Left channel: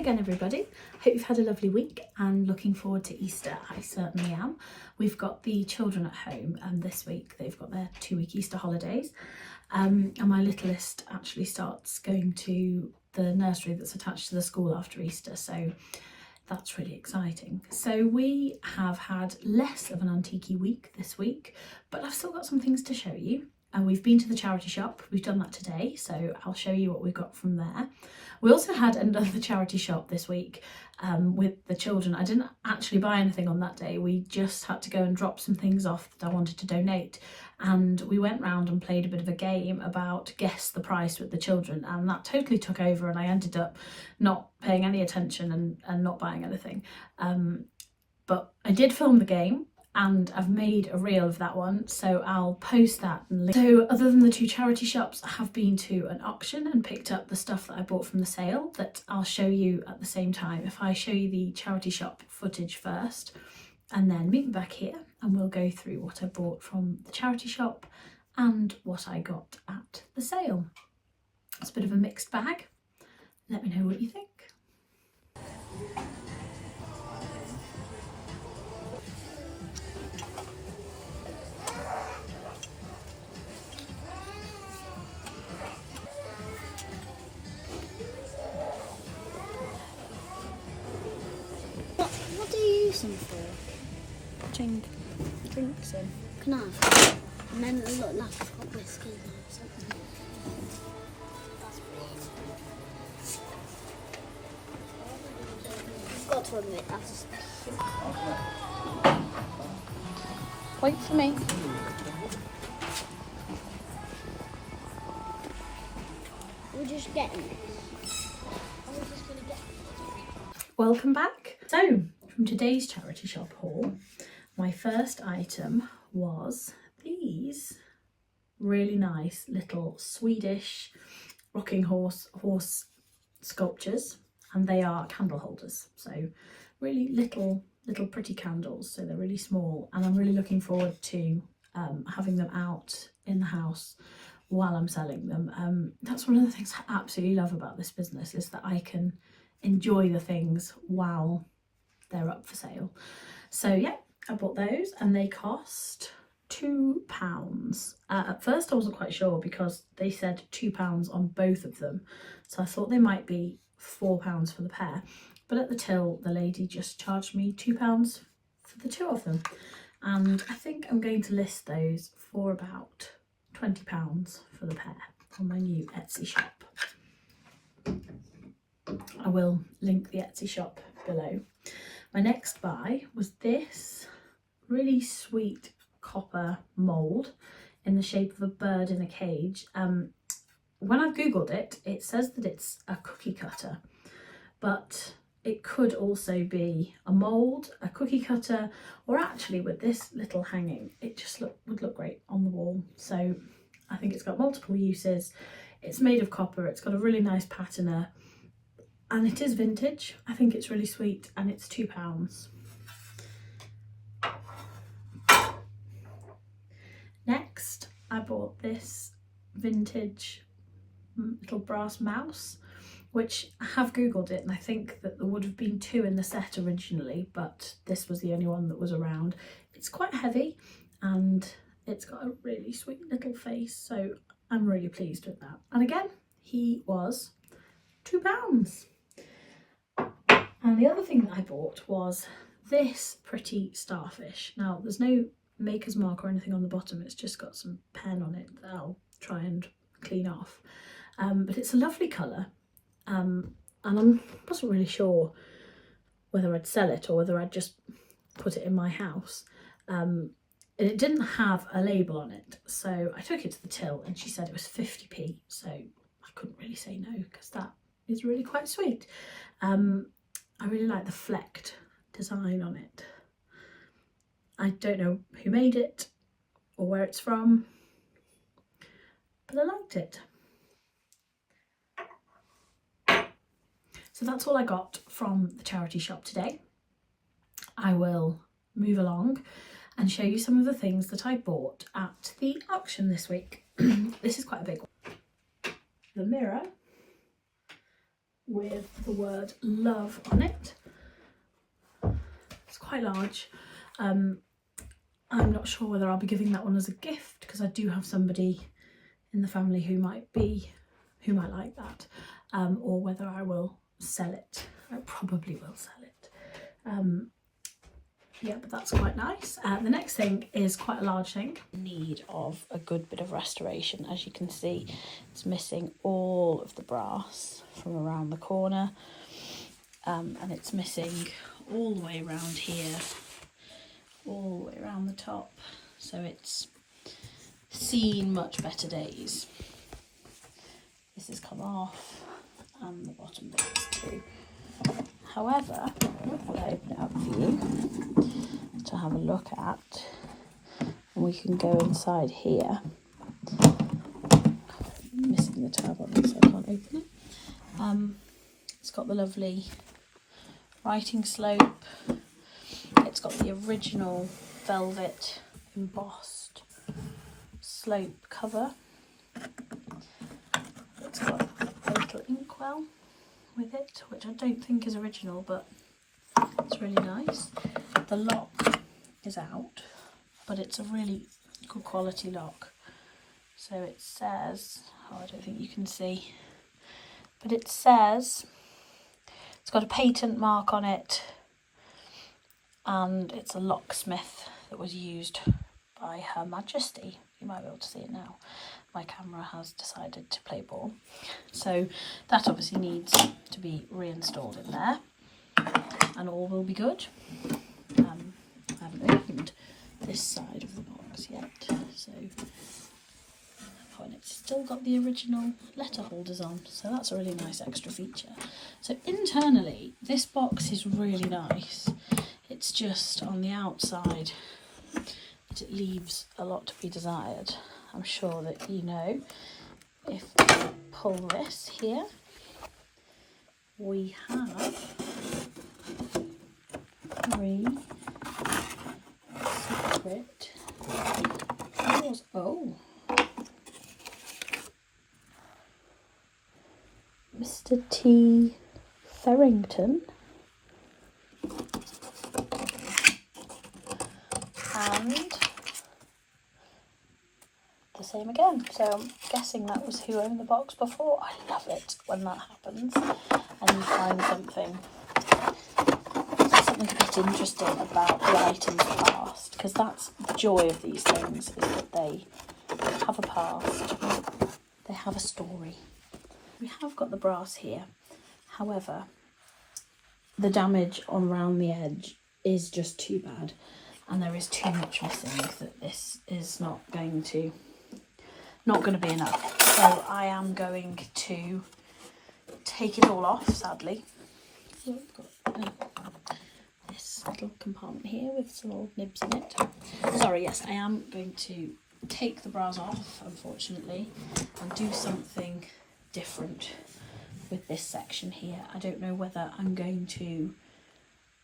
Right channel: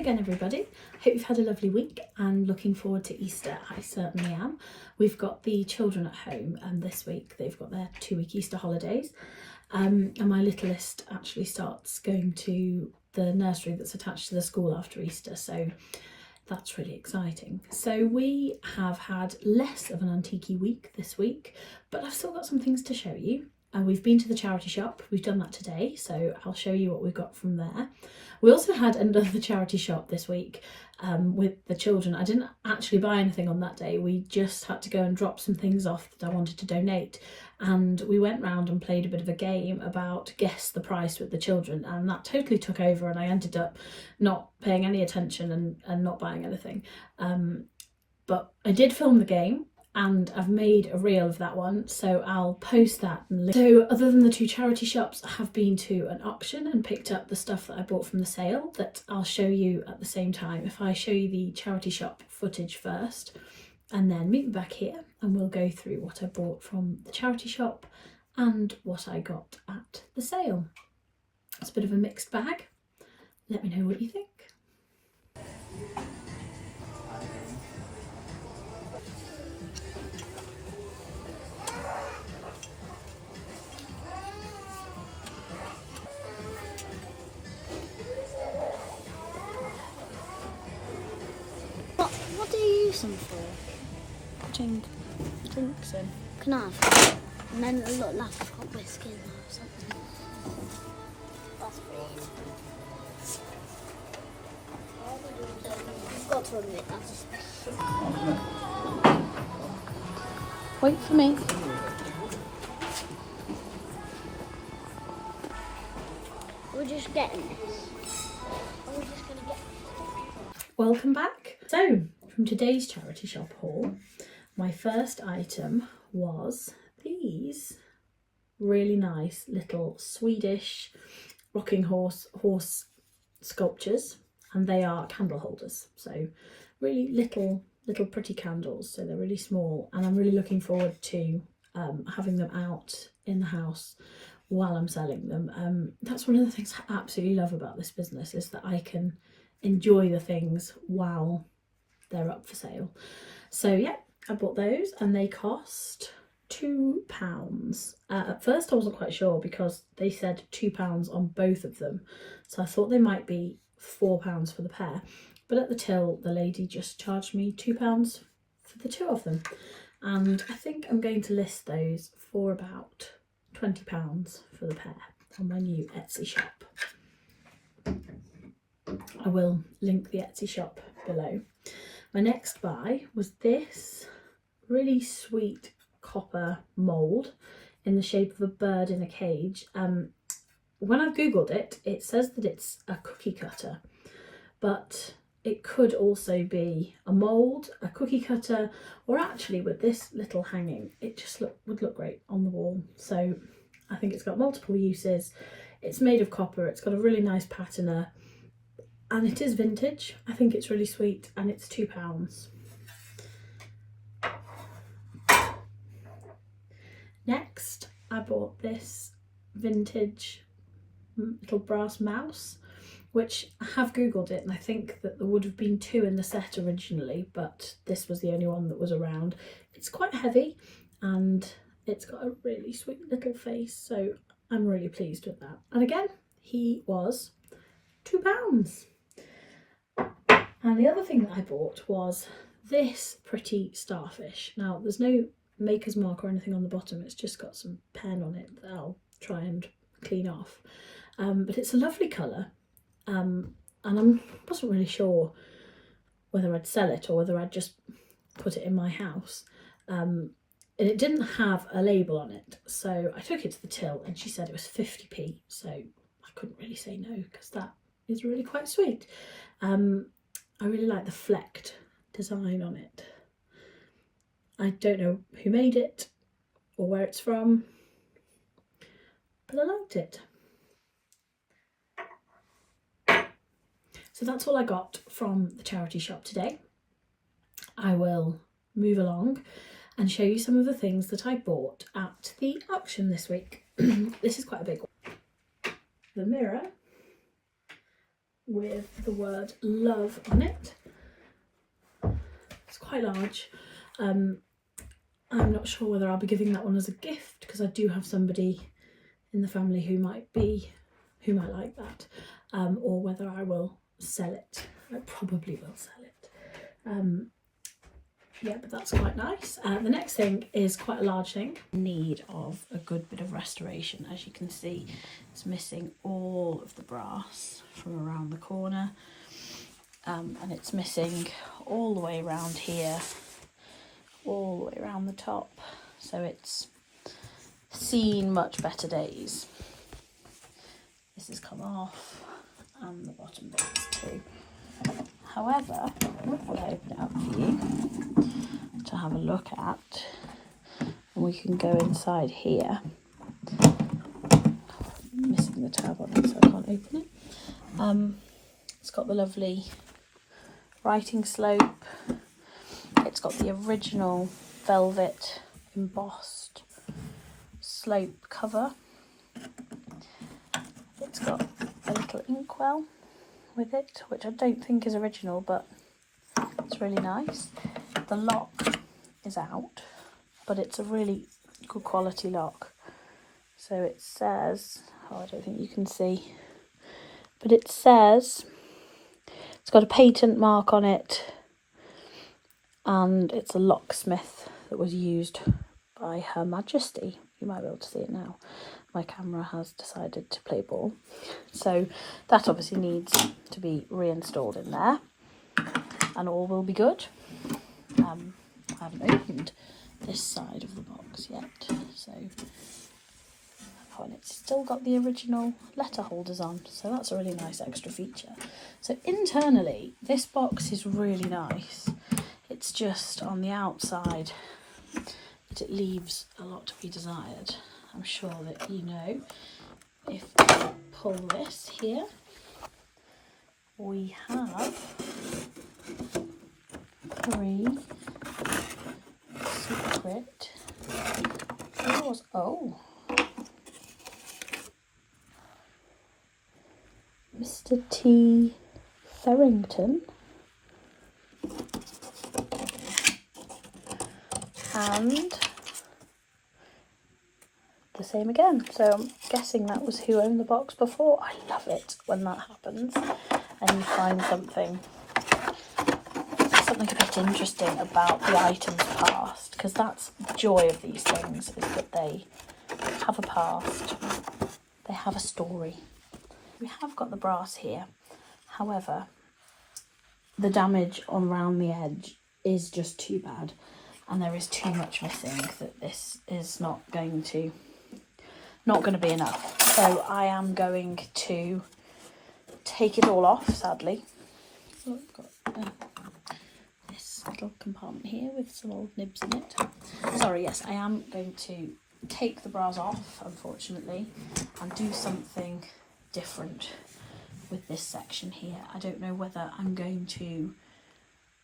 again everybody, hope you've had a lovely week and looking forward to Easter. I certainly am. We've got the children at home and this week they've got their 2-week Easter holidays and my littlest actually starts going to the nursery that's attached to the school after Easter, so that's really exciting. So we have had less of an antique-y week this week, but I've still got some things to show you. We've been to the charity shop, we've done that today, so I'll show you what we got from there. We also had another charity shop this week with the children. I didn't actually buy anything on that day, we just had to go and drop some things off that I wanted to donate, and we went round and played a bit of a game about guess the price with the children, and that totally took over and I ended up not paying any attention and not buying anything. But I did film the game and I've made a reel of that one, so I'll post that. So other than the two charity shops, I have been to an auction and picked up the stuff that I bought from the sale that I'll show you at the same time. If I show you the charity shop footage first and then meet me back here and we'll go through what I bought from the charity shop and what I got at the sale. It's a bit of a mixed bag. Let me know what you think. What do you use them for? Putting drinks in. Can I have and then a lot like I've got whiskey in there or something. That's cool. I've got to admit that's Wait for me. we're just getting this. We're just gonna get Welcome back. So from today's charity shop haul, my first item was these really nice little Swedish rocking horse sculptures, and they are candle holders, so really little pretty candles, so they're really small, and I'm really looking forward to having them out in the house while I'm selling them. That's one of the things I absolutely love about this business, is that I can enjoy the things while they're up for sale. So yeah, I bought those and they cost £2. At first I wasn't quite sure because they said £2 on both of them, so I thought they might be £4 for the pair, but at the till the lady just charged me £2 for the two of them, and I think I'm going to list those for about £20 for the pair on my new Etsy shop. I will link the Etsy shop below. My next buy was this really sweet copper mould in the shape of a bird in a cage. When I've googled it, it says that it's a cookie cutter, but it could also be a mould, a cookie cutter, or actually with this little hanging, it just would look great on the wall. So I think it's got multiple uses. It's made of copper, it's got a really nice patina, and it is vintage. I think it's really sweet, and it's £2. Next, I bought this vintage little brass mouse, which I have googled it, and I think that there would have been 2 in the set originally, but this was the only one that was around. It's quite heavy and it's got a really sweet little face, so I'm really pleased with that. And again, he was £2. And the other thing that I bought was this pretty starfish. Now there's no maker's mark or anything on the bottom, it's just got some pen on it that I'll try and clean off, but it's a lovely colour, and I wasn't really sure whether I'd sell it or whether I'd just put it in my house. It didn't have a label on it, so I took it to the till and she said it was 50p, so I couldn't really say no because that is really quite sweet. I really like the flecked design on it. I don't know who made it or where it's from, but I liked it. So that's all I got from the charity shop today. I will move along and show you some of the things that I bought at the auction this week. This is quite a big one. The mirror with the word love on it. It's quite large. I'm not sure whether I'll be giving that one as a gift, because I do have somebody in the family who might like that, or whether I will sell it. I probably will sell it. Yeah, but that's quite nice. The next thing is quite a large thing. Need of a good bit of restoration. As you can see, it's missing all of the brass from around the corner, and it's missing all the way around here, all the way around the top. So it's seen much better days. This has come off, and the bottom bit too. However, I'll open it up for you to have a look at, and we can go inside here. I'm missing the tab on it, so I can't open it. It's got the lovely writing slope. It's got the original velvet embossed slope cover. It's got a little inkwell with it, which I don't think is original, but it's really nice. The lock is out, but it's a really good quality lock. So it says, oh, I don't think you can see, but it says it's got a patent mark on it, and it's a locksmith that was used by Her Majesty. You might be able to see it now. My camera has decided to play ball. So that obviously needs to be reinstalled in there, and all will be good. I haven't opened this side of the box yet, so and it's still got the original letter holders on, so that's a really nice extra feature. So internally, this box is really nice. It's just on the outside that it leaves a lot to be desired. I'm sure that you know, if we pull this here, we have 3 secret drawers. Oh, Mr. T. Ferrington and the same again. So I'm guessing that was who owned the box before. I love it when that happens and you find something a bit interesting about the items past, because that's the joy of these things, is that they have a past, they have a story. We have got the brass here, however the damage on around the edge is just too bad, and there is too much missing that this is not going to be enough. So I am going to take it all off, sadly. So I've got this little compartment here with some old nibs in it. Sorry, yes, I am going to take the bras off, unfortunately, and do something different with this section here. I don't know whether I'm going to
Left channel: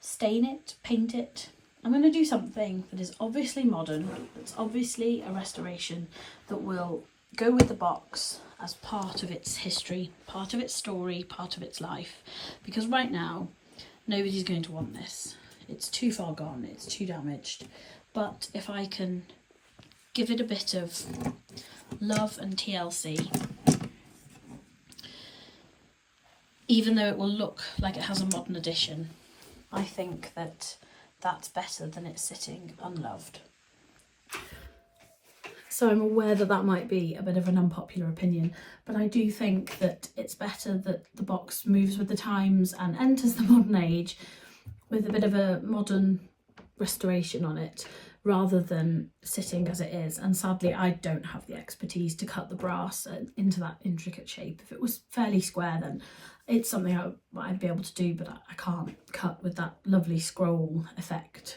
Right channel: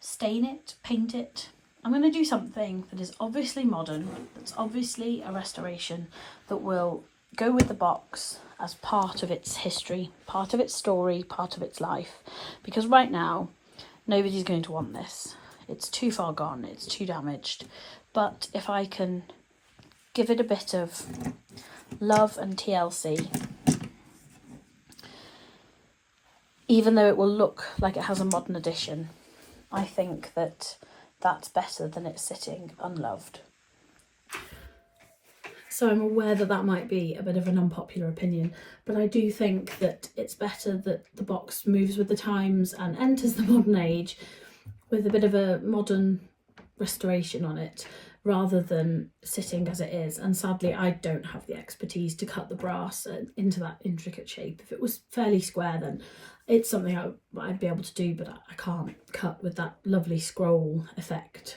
stain it, paint it. I'm going to do something that is obviously modern, that's obviously a restoration, that will go with the box as part of its history, part of its story, part of its life. Because right now, nobody's going to want this. It's too far gone, it's too damaged. But if I can give it a bit of love and TLC, even though it will look like it has a modern edition, I think that that's better than it sitting unloved. So I'm aware that that might be a bit of an unpopular opinion, but I do think that it's better that the box moves with the times and enters the modern age with a bit of a modern restoration on it, rather than sitting as it is. And sadly, I don't have the expertise to cut the brass into that intricate shape. If it was fairly square, then it's something I'd be able to do, but I can't cut with that lovely scroll effect.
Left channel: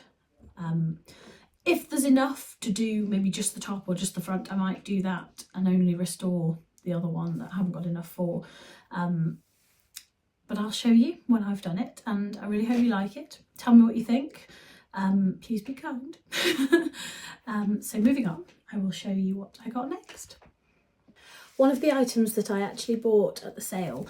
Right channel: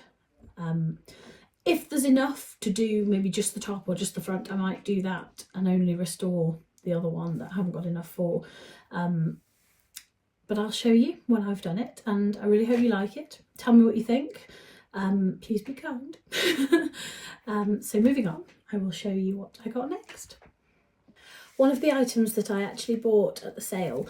If there's enough to do maybe just the top or just the front, I might do that and only restore the other one that I haven't got enough for. But I'll show you when I've done it, and I really hope you like it. Tell me what you think. Please be kind. So moving on, I will show you what I got next. One of the items that I actually bought at the sale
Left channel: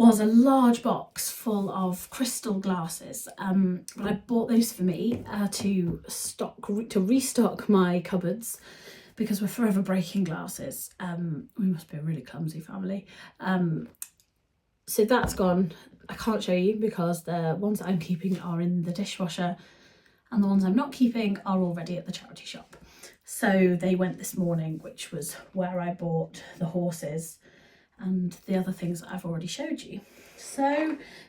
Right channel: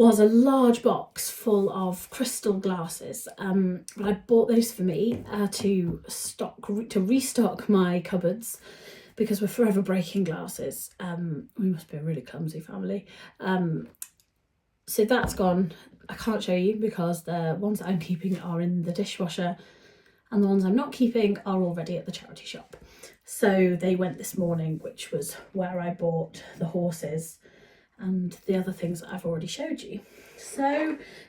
was a large box full of crystal glasses, but I bought those for me to restock my cupboards, because we're forever breaking glasses. We must be a really clumsy family. So that's gone. I can't show you because the ones that I'm keeping are in the dishwasher, and the ones I'm not keeping are already at the charity shop. So they went this morning, which was where I bought the horses and the other things that I've already showed you. So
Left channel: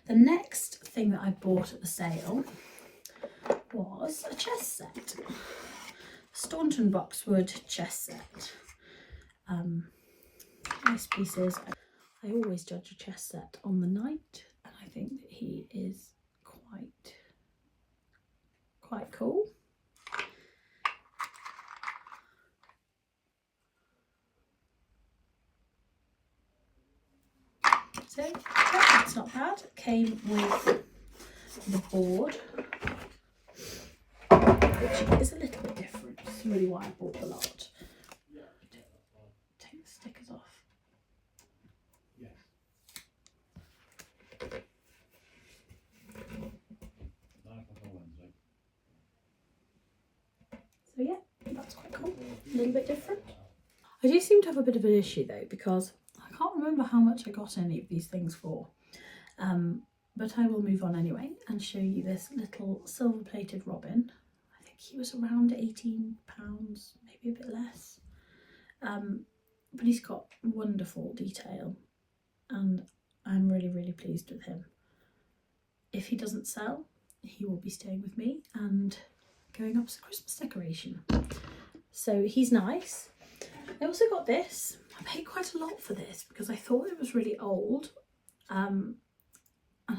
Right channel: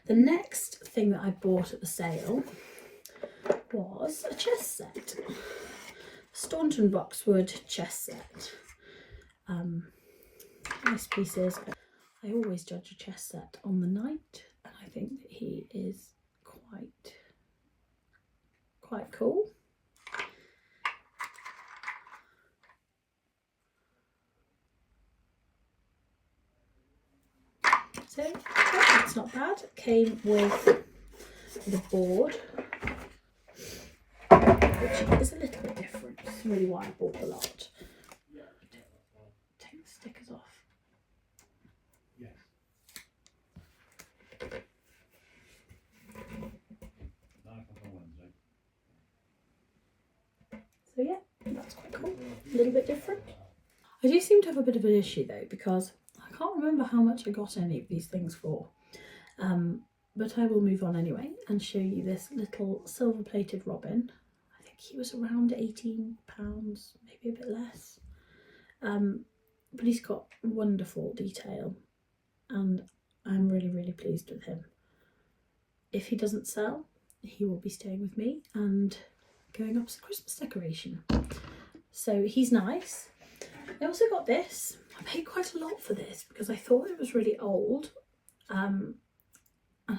the next thing that I bought at the sale was a chess set. Staunton Boxwood chess set. Nice pieces. I always judge a chess set on the night, and I think that he is quite cool. So that's not bad. Came with the board, which is a little bit different. It's really why I bought a lot. Take the stickers off. So yeah, that's quite cool. A little bit different. I do seem to have a bit of an issue though, because I can't remember how much I got any of these things for. But I will move on anyway and show you this little silver plated robin. I think he was around £18, maybe a bit less. But he's got wonderful detail, and I'm really, really pleased with him. If he doesn't sell, he will be staying with me and going up as a Christmas decoration. So he's nice. I also got this. I paid quite a lot for this because I thought it was really old, and I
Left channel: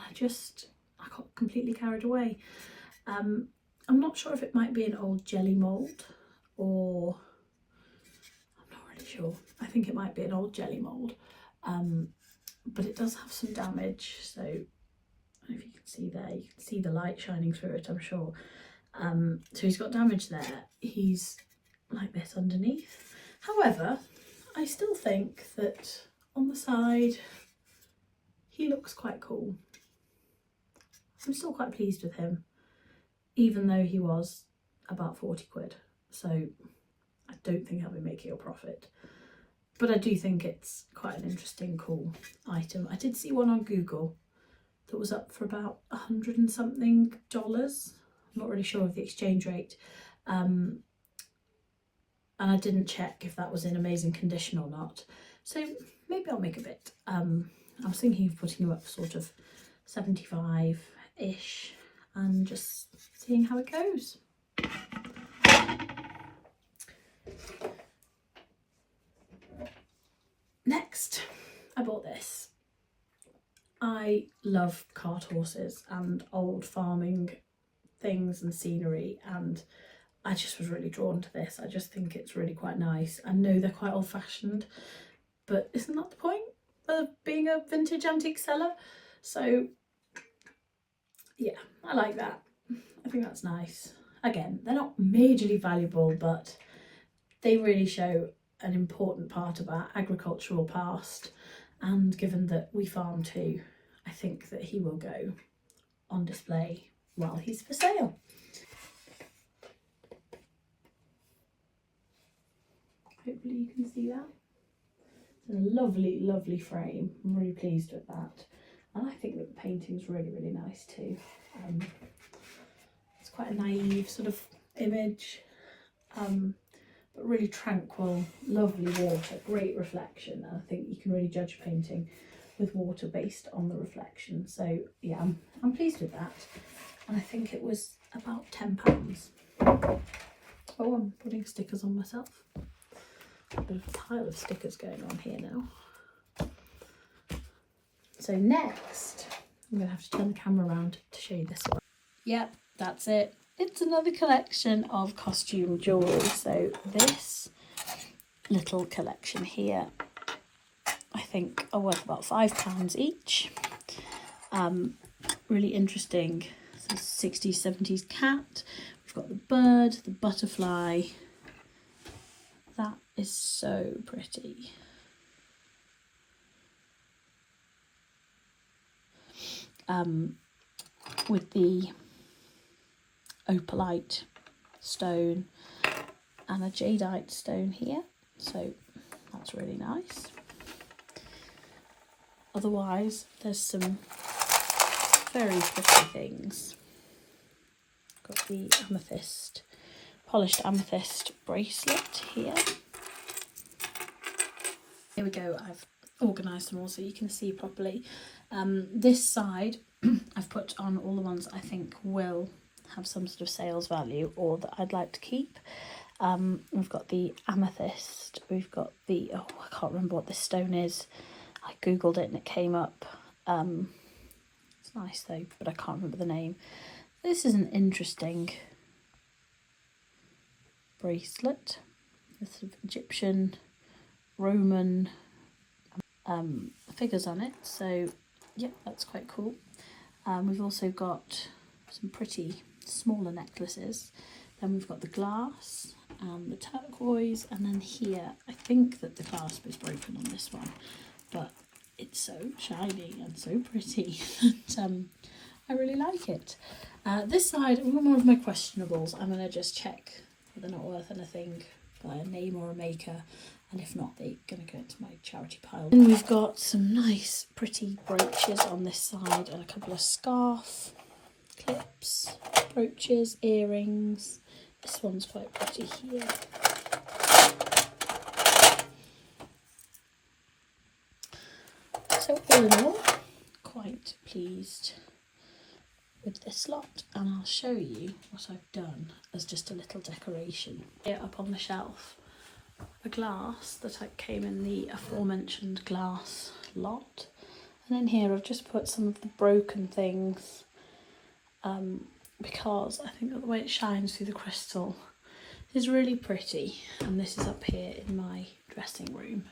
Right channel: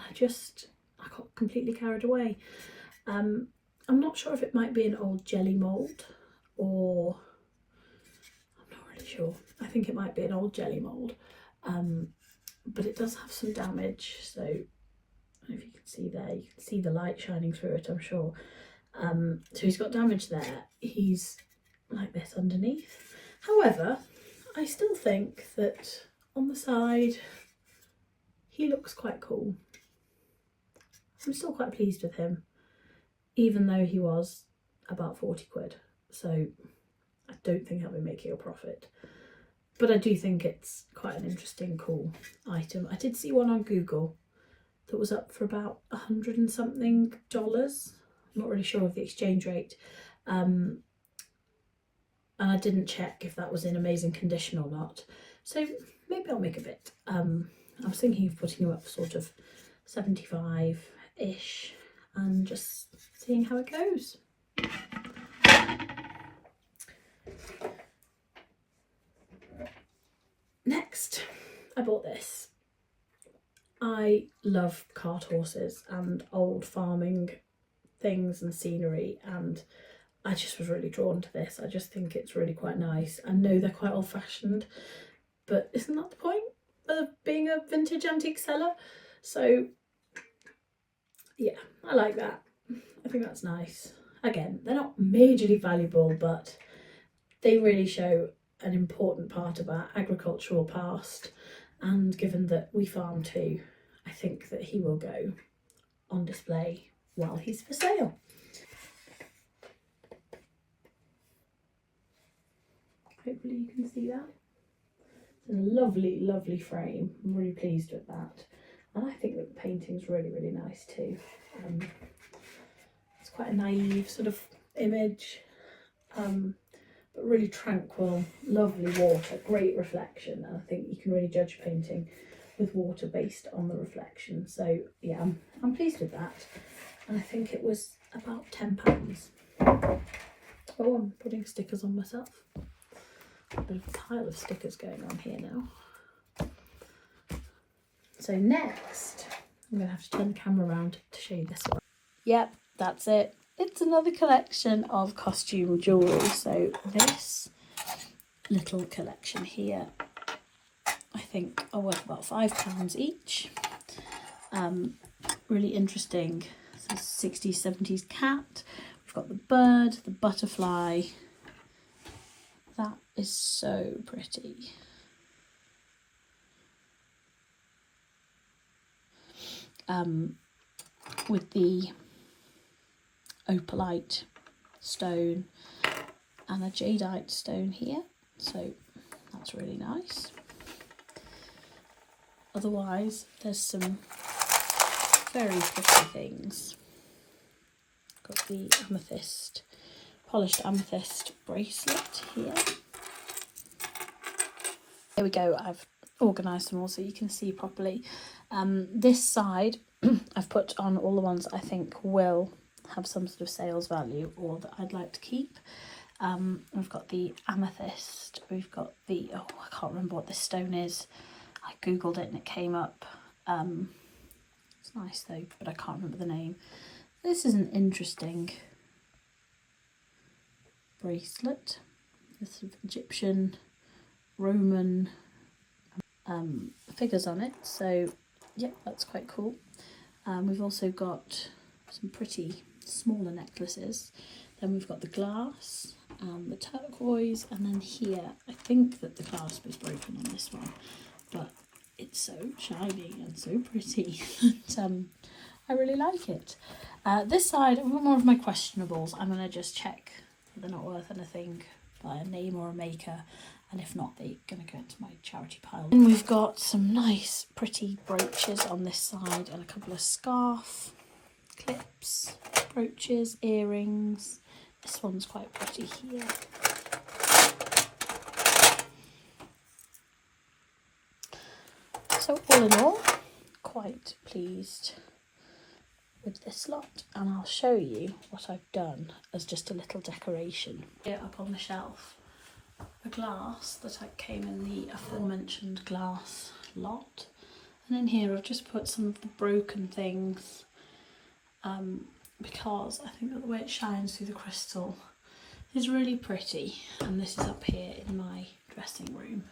got completely carried away. I'm not sure if it might be an old jelly mould, or I'm not really sure. I think it might be an old jelly mould, but it does have some damage. So if you can see there, you can see the light shining through it, I'm sure. So he's got damage there. He's like this underneath. However, I still think that on the side he looks quite cool. I'm still quite pleased with him, even though he was about 40 quid. So I don't think I'll be making a profit. But I do think it's quite an interesting, cool item. I did see one on Google that was up for about $100 and something. I'm not really sure of the exchange rate. And I didn't check if that was in amazing condition or not. So maybe I'll make a bit. I was thinking of putting him up sort of 75-ish and just seeing how it goes. Next, I bought this. I love cart horses and old farming things and scenery, and I just was really drawn to this. I just think it's really quite nice. I know they're quite old-fashioned, but isn't that the point of being a vintage antique seller? So yeah, I like that. I think that's nice. Again, they're not majorly valuable, but they really show an important part of our agricultural past, and given that we farm too, I think that he will go on display while he's for sale. Hopefully you can see that. It's a lovely, lovely frame. I'm really pleased with that. And I think that the painting's really, really nice too. It's quite a naive sort of image, but really tranquil, lovely water, great reflection. And I think you can really judge a painting with water based on the reflection. So yeah, I'm pleased with that. And I think it was about £10. Oh, I'm putting stickers on myself. A bit of a pile of stickers going on here now. So next, I'm going to have to turn the camera around to show you this one. Yep, that's it. It's another collection of costume jewellery. So this little collection here, I think are worth about £5 each. Really interesting. So 60s, 70s cat. We've got the bird, the butterfly. That is so pretty. with the opalite stone and a jadeite stone here, so that's really nice. Otherwise, there's some very pretty things. Got the amethyst, polished amethyst bracelet here. Here we go, I've organised them all so you can see properly. This side I've put on all the ones I think will have some sort of sales value or that I'd like to keep. We've got the amethyst, we've got the, oh, I can't remember what this stone is. I googled it and it came up. It's nice though, but I can't remember the name. This is an interesting bracelet. This sort of Egyptian, Roman figures on it, so yeah, that's quite cool. We've also got some pretty smaller necklaces. Then we've got the glass, the turquoise, and then here I think that the clasp is broken on this one, but it's so shiny and so pretty and I really like it. This side, more of my questionables, I'm going to just check that they're not worth anything by a name or a maker, and if not, they're going to go into my charity pile. And we've got some nice pretty brooches on this side and a couple of scarf clips, brooches, earrings. This one's quite pretty here. So all in all, quite pleased with this lot, and I'll show you what I've done as just a little decoration. Here up on the shelf, the glass that came in the aforementioned glass lot, and in here I've just put some of the broken things because I think that the way it shines through the crystal is really pretty, and this is up here in my dressing room.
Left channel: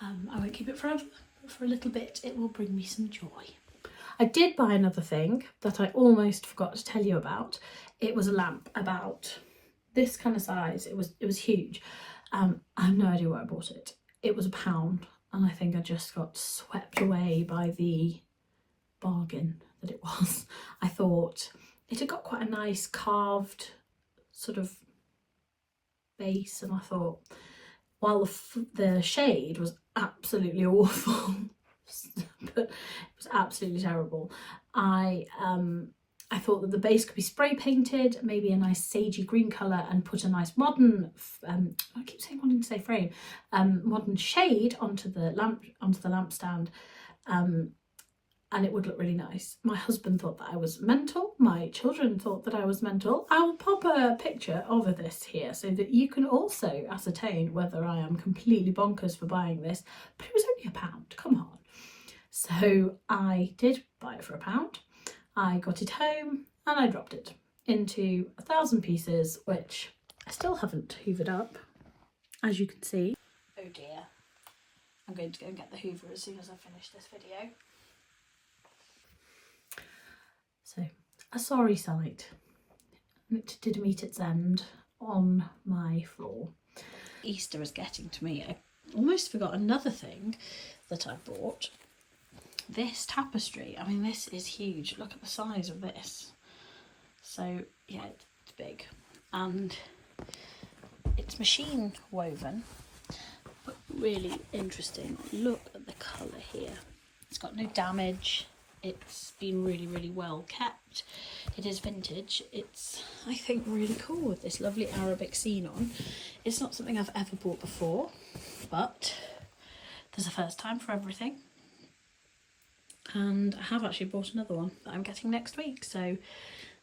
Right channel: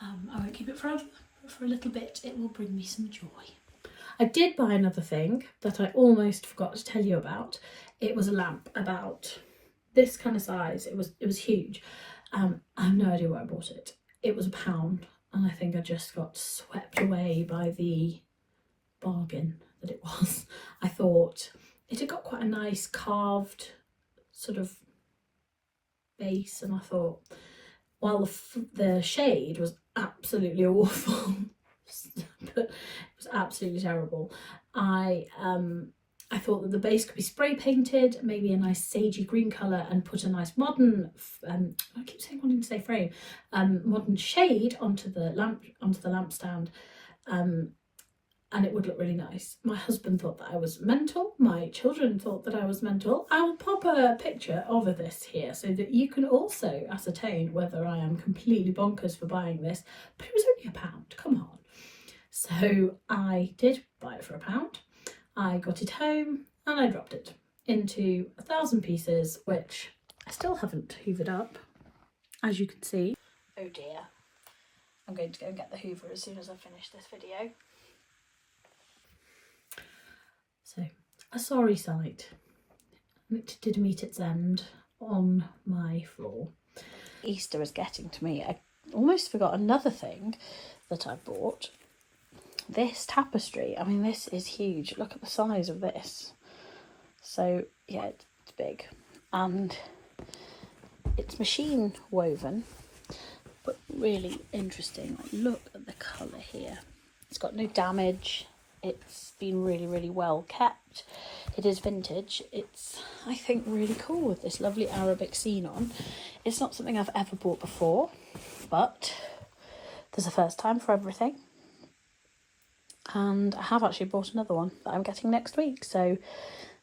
I won't keep it forever, but for a little bit it will bring me some joy. I did buy another thing that I almost forgot to tell you about. It was a lamp about this kind of size. It was huge. I have no idea where I bought it. It was £1, and I think I just got swept away by the bargain that it was. I thought it had got quite a nice carved sort of base, and I thought, while the shade was absolutely awful, but it was absolutely terrible, I thought that the base could be spray painted, maybe a nice sagey green colour, and put a nice modern, I keep saying, wanting to say frame, modern shade onto the lampstand, and it would look really nice. My husband thought that I was mental. My children thought that I was mental. I'll pop a picture of this here so that you can also ascertain whether I am completely bonkers for buying this. But it was only £1, come on. So I did buy it for £1. I got it home and I dropped it into 1,000 pieces, which I still haven't hoovered up, as you can see. Oh dear. I'm going to go and get the hoover as soon as I finish this video. So, a sorry sight. It did meet its end on my floor. Easter is getting to me. I almost forgot another thing that I bought. This tapestry. I mean, this is huge. Look at the size of this. So, yeah, it's big. And it's machine woven, but really interesting. Look at the colour here. It's got no damage. It's been really, really well kept. It is vintage. It's, I think, really cool with this lovely Arabic scene on. It's not something I've ever bought before, but there's a first time for everything. And I have actually bought another one that I'm getting next week, so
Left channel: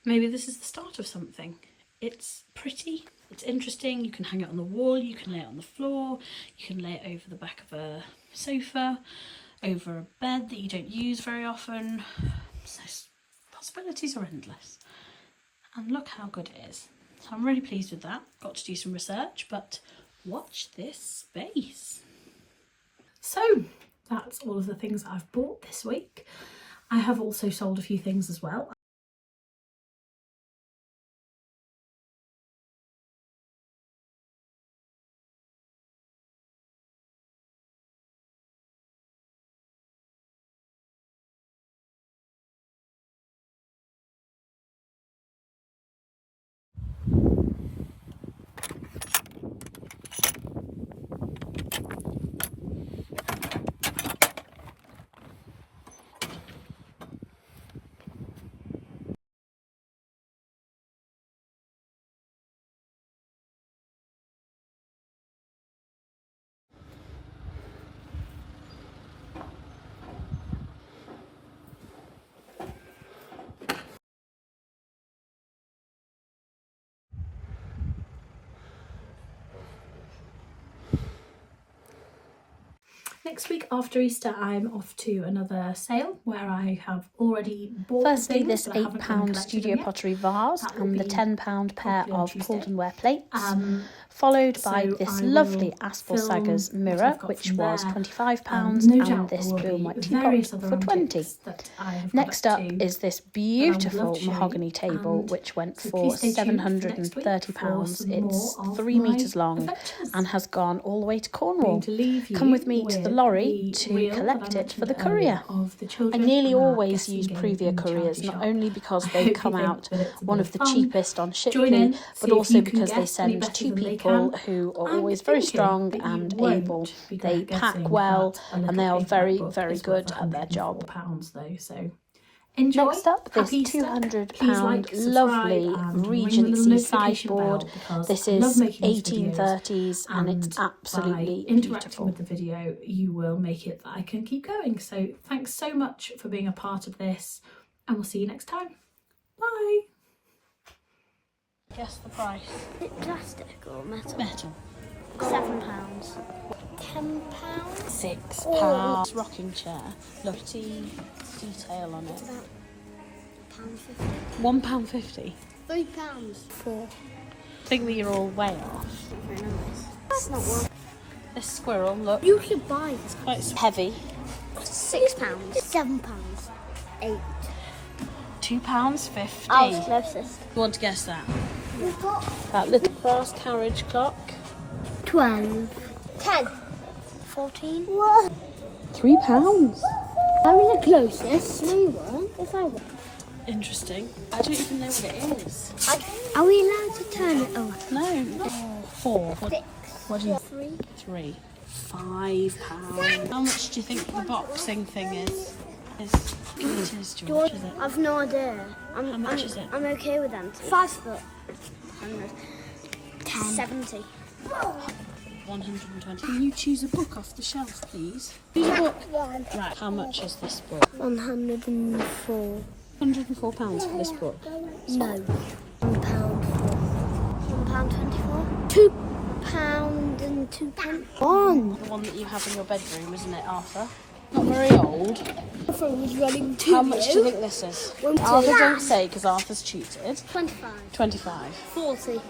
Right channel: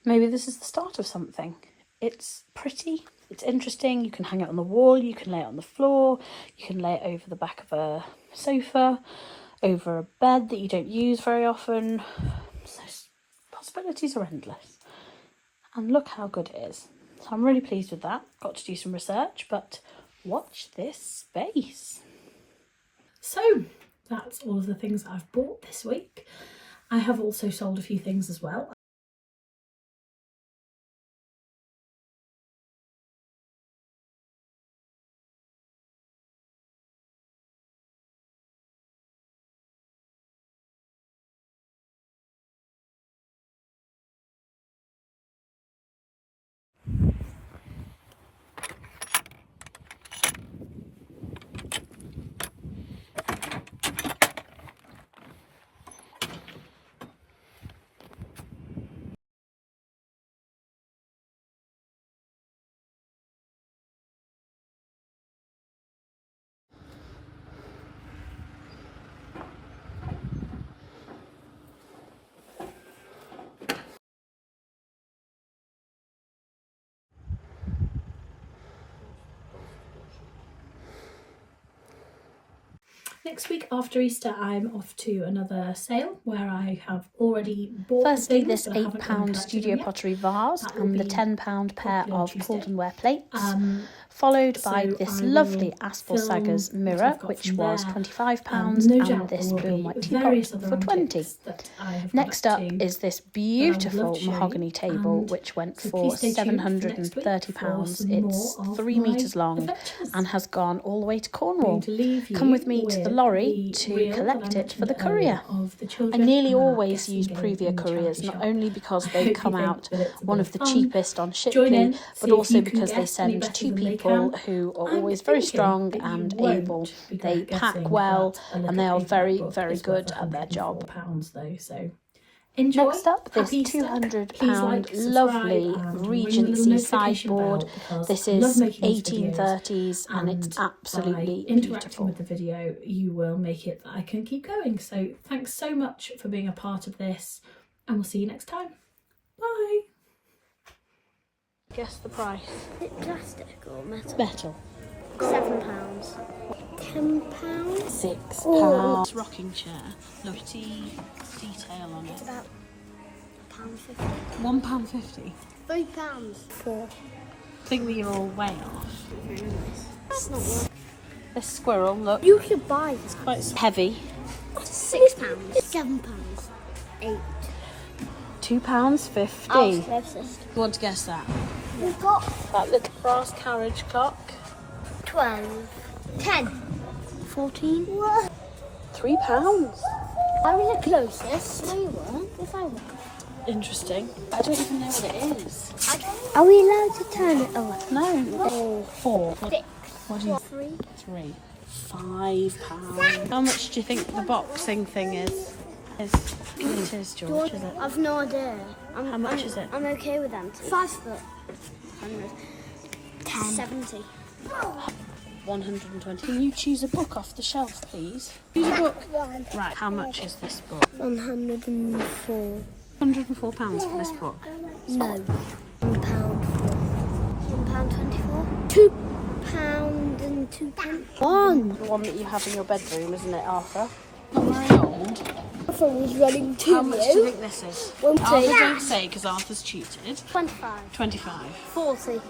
maybe this is the start of something. It's pretty, it's interesting. You can hang it on the wall, you can lay it on the floor, you can lay it over the back of a sofa, over a bed that you don't use very often. So possibilities are endless. And look how good it is. So I'm really pleased with that. Got to do some research, but watch this space. So that's all of the things that I've bought this week. I have also sold a few things as well. Next week after Easter, I'm off to another sale where I have already bought Firstly, things, this but I haven't even £8 collected studio them yet. pottery vase That will and the be £10 pair probably on of Tuesday. Caldenware plates, followed by this lovely Aspel Saggers mirror, which was £25, and this blue and white teapot for £20. Next up is this beautiful mahogany table, which went for £730. It's 3 metres long and has gone all the way to Cornwall. Come with me to the lorry to collect it for the courier. I nearly always use Previa couriers, not only because they come out one of the cheapest on Shipley, but also because they send 2 people who are always very strong and able. They pack well and they are very, very good at their job. Next up, this £200 lovely Regency sideboard. This is 1830s and it's absolutely beautiful. With the video, you will make it that I can keep going. So thanks so much for being a part of this, and we'll see you next time. Bye. Guess the price. Is it plastic or metal? Metal. £7. £10. £6. Rocking chair. Lovely detail on it. About £1.50. £3. 4. I think that you're all way off. Very nice. That's not one. This squirrel, look. You should buy this. Quite heavy. £6. £7. 8. £2.50. Oh, closest. You want to guess that? We've got That little brass carriage clock. 12. 10. 14. What? £3. I'm the closest. No, you won't. If I won't. Interesting. I don't even know what it is. Are we allowed to turn it over? No. 4. 6. What do you 3. 3. £5. How much do you think the boxing thing is? It is, George, is it? I've no idea. How much is it? I'm okay with them. 5 foot. 100. 10. 70. 120. Can you choose a book off the shelf, please? Choose a book. Right, how much is this book? 104. £104 for this book. No. £1 £1.24. £2 and 2 pence. One. The one that you had in your bedroom, isn't it, Arthur? You're very old. Arthur was running to How much do you think this is? Won't Arthur, say. don't say, because Arthur's cheated. 25. 25. 40.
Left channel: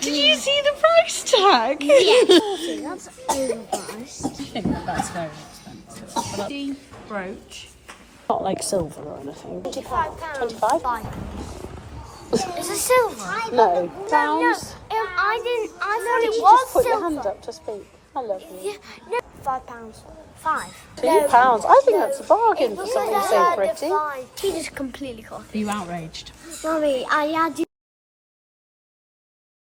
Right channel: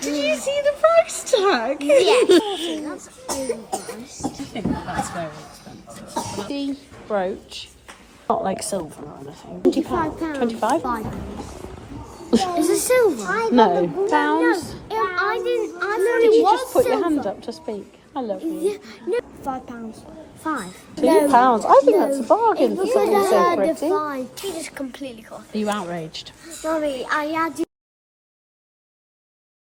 Did you see the price tag? Yeah. 40. That's overpriced. I think that's very expensive. The brooch. Not like silver or anything. £25. 25? £5. Is it silver? No. No. I didn't. I thought it was silver. Just be. Hello. Yeah. No. £5. 5. No. I think it's fine. It's because I heard the 5. She just completely got it. Are you outraged? Mommy, I had